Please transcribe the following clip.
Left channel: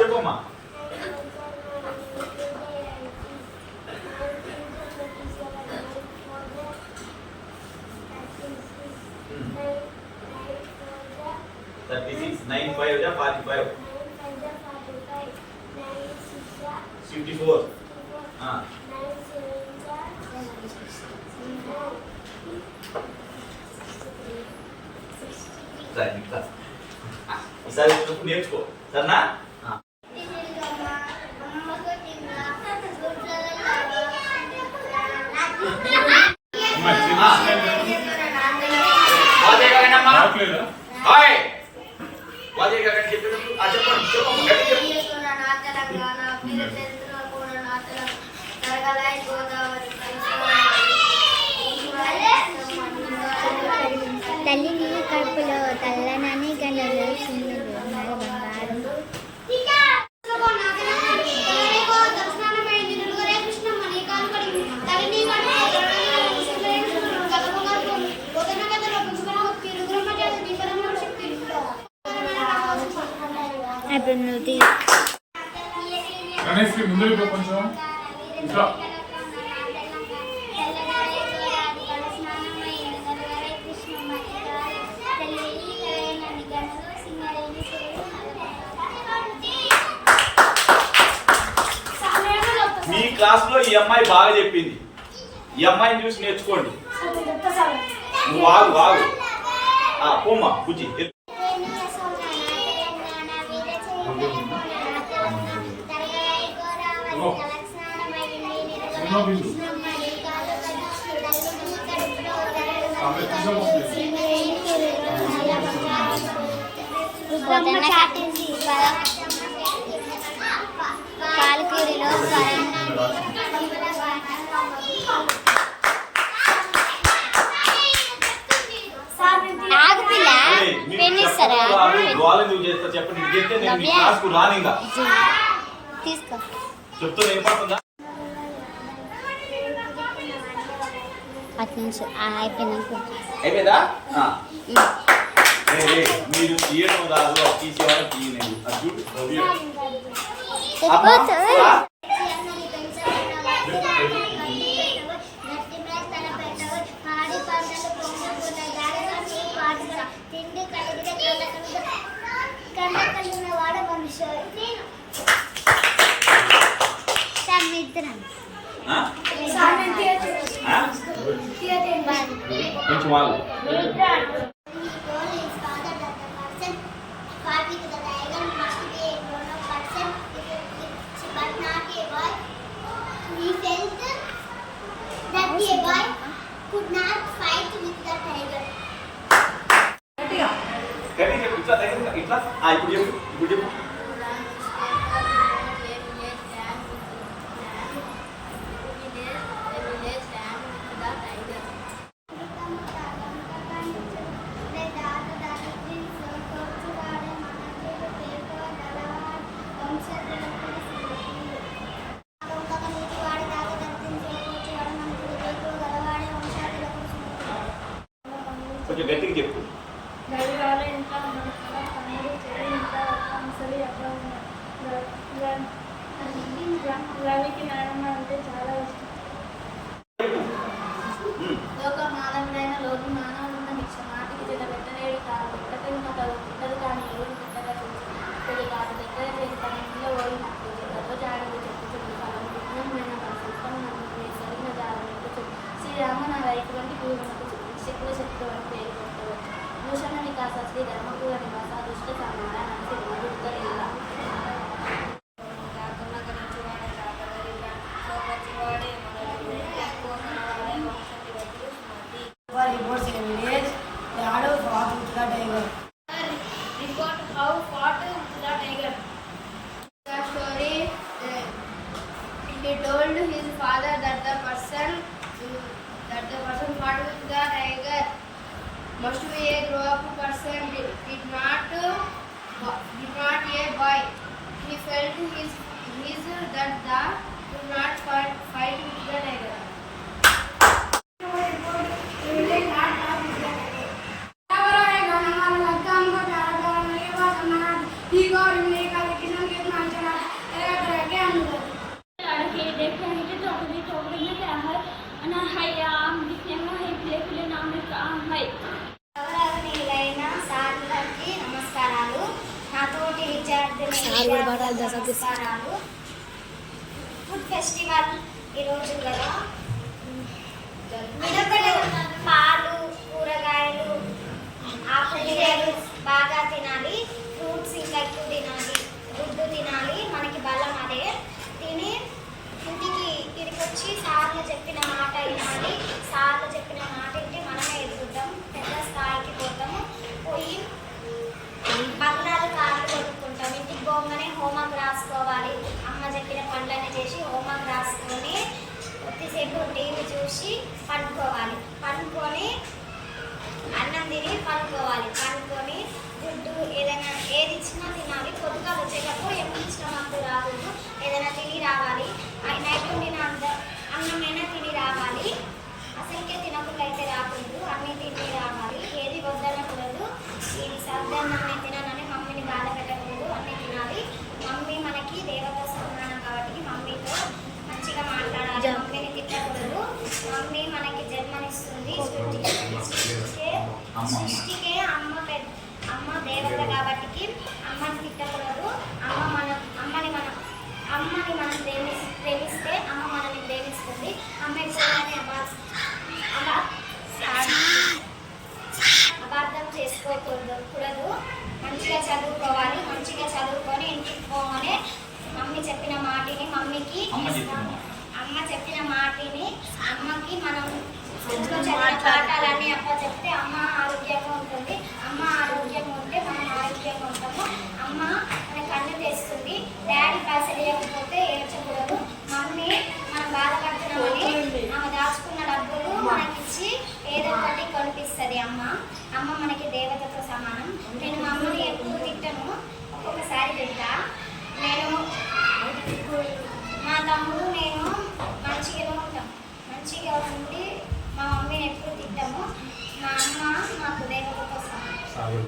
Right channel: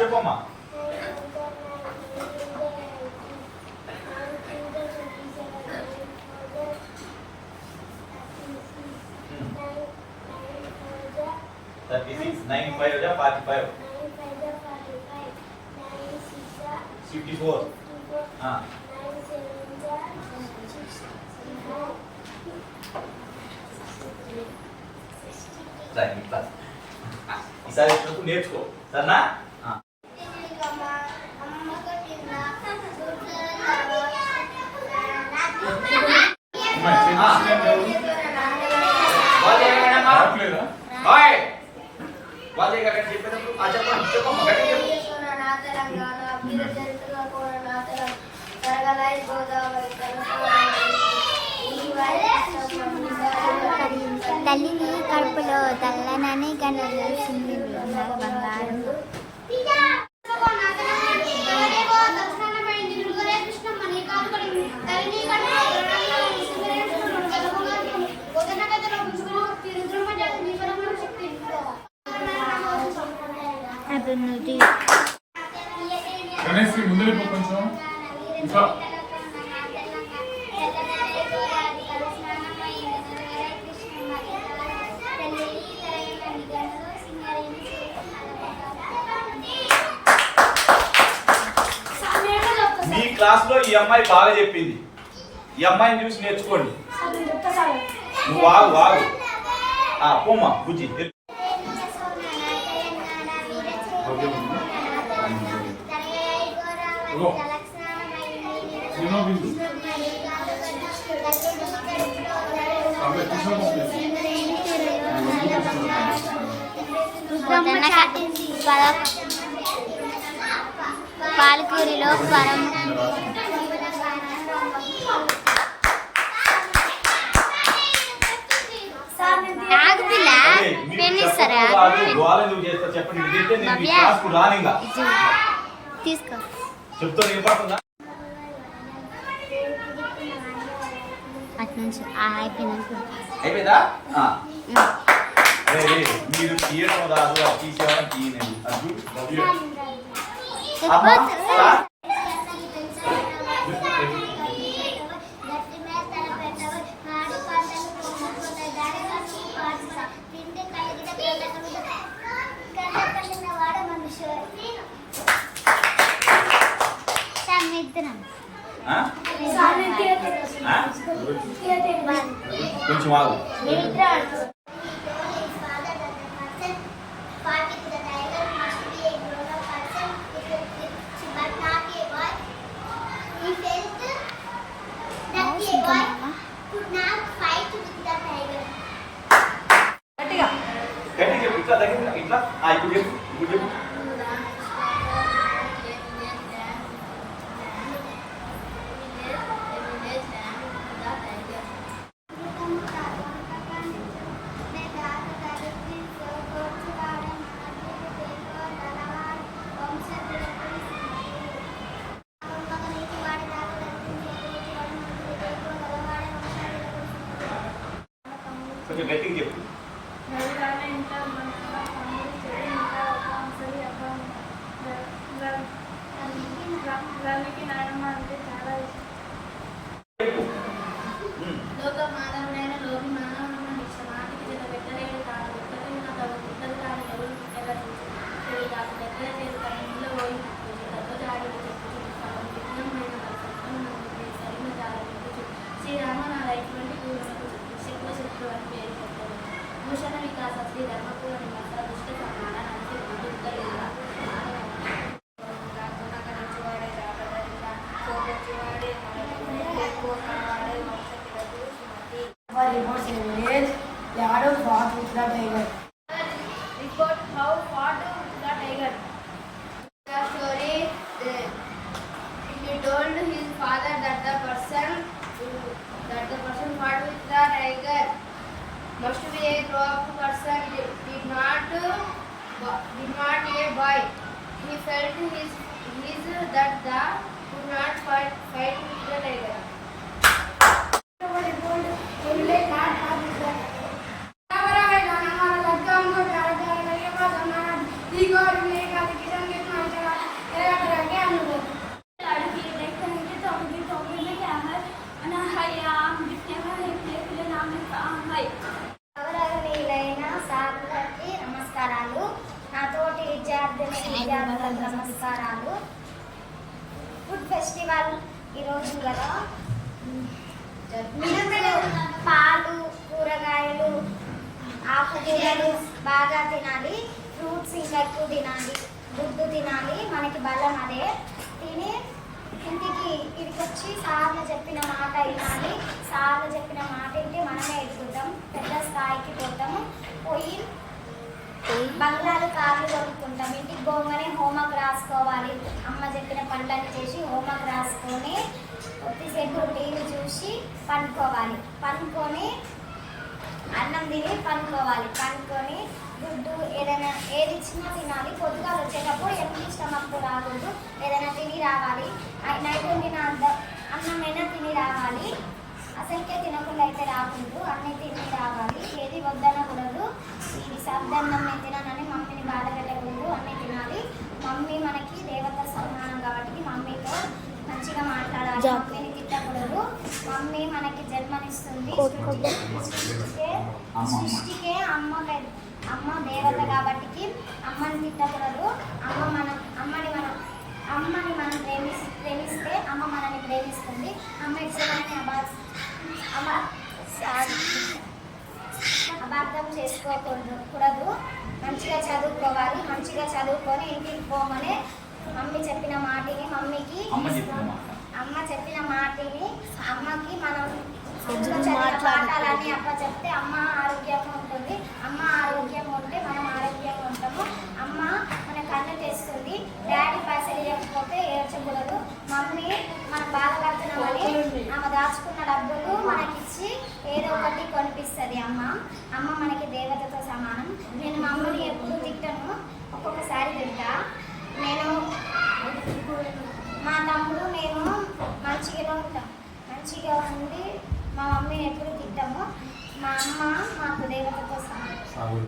చెప్పమ్మా. Nine 5 जा 45. 54. हाँ. 9 7 जा. ఈసారి నువ్వు నేర్చుకో సరేనా? తల్లిని కడుపులో తల్లనని గనులు సింగులు బంగారం. అభివృద్ధి మీ క్లాస్ లో ఈ అమ్మాయి బాగా చెప్పింది. ఈ అమ్మాయిని చూసి నేర్చుకోండి. నువ్వు వాగు పోమ్మా బుజ్జి. పాలకూరిలో ఆగుపిల్ల పెన్ ఇస్తారా? తీసుకో. అటు నుంచి అయిపోయిందా? మీరు తీయడం రాదు, తీసేవాళ్ళని తీయలేదు. కొంచెం ఆగు. ఇట్లా ఇప్పుడు చెప్పు. కొంచెం గట్టిగా చెప్పు. రవికి నాయనమ్మ అంటే చాలా ఇష్టం. లోక మానవుడైన లోకి మానవుడున్న నాటికి పెట్టలేడు కాదు. ఉండదు కానీ ఎవరు పెట్టలేదు కాదు. దగ్గర చేసి తన ఇంట్లో ఓడినట్టు దెబ్బ జాడలు చెప్పు కాదు. విఘ్నమైన సరైన జాగ్రత్త శ్రీరామ నా రైతులంటి శక్తుల శక్తులు అని పేరు పెట్టారు. భూషణ వికాస శ్రీ ధర్మపూర నివాస దుష్ట సమాన report how fought the tiger. The story he told his father that the person fought with the tiger must be a grown-up person, did not a boy. He felt that the could not fight with the tiger. He got నమస్కారాలు. Food festival ఈరోజు కదా, పాలు, కూరగాయలు, ఆకుకూరలు బాగా తినాలి, fruits ఇంకా ఎక్కువ తినాలి, గుడ్డు తినాలి. మనకి బలం అదే. తిని ఇంటికి వచ్చి సార్లు చెప్పిన మాట వినాలి. సార్లు చెప్పిన మాట వింటే మనమే ఎదుగుతాం, పెద్ద స్థాయికి పోతాము. పోయి బంగారు కార్లు కొనుక్కుంటాం. ఇంటికి పోగానే హోంవర్క్ రాసుకోవాలి. అమ్మ చెప్పిన పనులన్నీ చేసి హోంవర్క్ రాసుకొని కొద్దిసేపు టీవీ చూసి పండుకోవాలి. పండుకొని అన్నం తిని పండుకోవాలి. పండుకొని గుడ్డు ఏదైనా ఏది ఇచ్చినా తినాలి. పొద్దుగా వచ్చేటప్పుడు ఎప్పుడు స్టమక్ రాకూడదు, ఏదైనా తిని రావాలి. నైట్ వండిన అన్నమైనా తిని రావాలి. అసలుకే తినకుండా అయితే రాకూడదు, అన్నీ తిని రావాలి. ఏది వద్దనకూడదు. ఇది సర్దన్నం నేను తినానని మమ్మీని బాధ పెట్టకూడదు, అన్నీ తినాలి. మమ్మీ మనకి దేవత సమానం కాబట్టి మమ్మీతో మంచిగా మాట్లాడాలి. మమ్మీని తిట్టకూడదు. మమ్మీ మనకి జన్మనిస్తుంది. సృష్టికే అమ్మ దేవత కాబట్టి అమ్మని తిట్టకూడదు. అమ్మని మనం ప్రేమిస్తే అమ్మ మనల్ని ప్రేమిస్తుంది. అమ్మ ఇష్టమని అబార్థం చేసుకోకూడదు. మంచిగా చదువుకోవాలి. మంచిగా చదువుకొని ఇంటికి పోగానే మమ్మీ చెప్పిన మాటిని అమ్మకి మనం స్కూల్లో చదివిన పాఠాలన్నీ అమ్మ చెప్తే అమ్మ ఆరోగ్యంగా ఉంటుంది. అమ్మ ఆరోగ్యంగా ఉంటే మనం ఆరోగ్యంగా ఉంటాము. అమ్మ మన కన్ను తెస్తుంది. డాడీ పైసలు ఇవ్వకపోతే ఏడ్చకూడదు. మమ్మీ మనం బాధపడుతున్నామని ఆమె దాచుకున్న డబ్బులు మనకిచ్చి ఏదో ఒకటి కొనిపిస్తుంది. అమ్మ మనకి దేవతతో సమానం. నేను మా అమ్మని ఎప్పుడు తిట్టను, ఒక్కొక్కసారి తింటా. నేను మా తమ్ముడు నేను మంచిగానే ఉంటాం. మంచిగా ఉండి మా మమ్మీని ఎప్పుడు తిట్టాము. మా అమ్మ మాకు దేవతతో సమానం.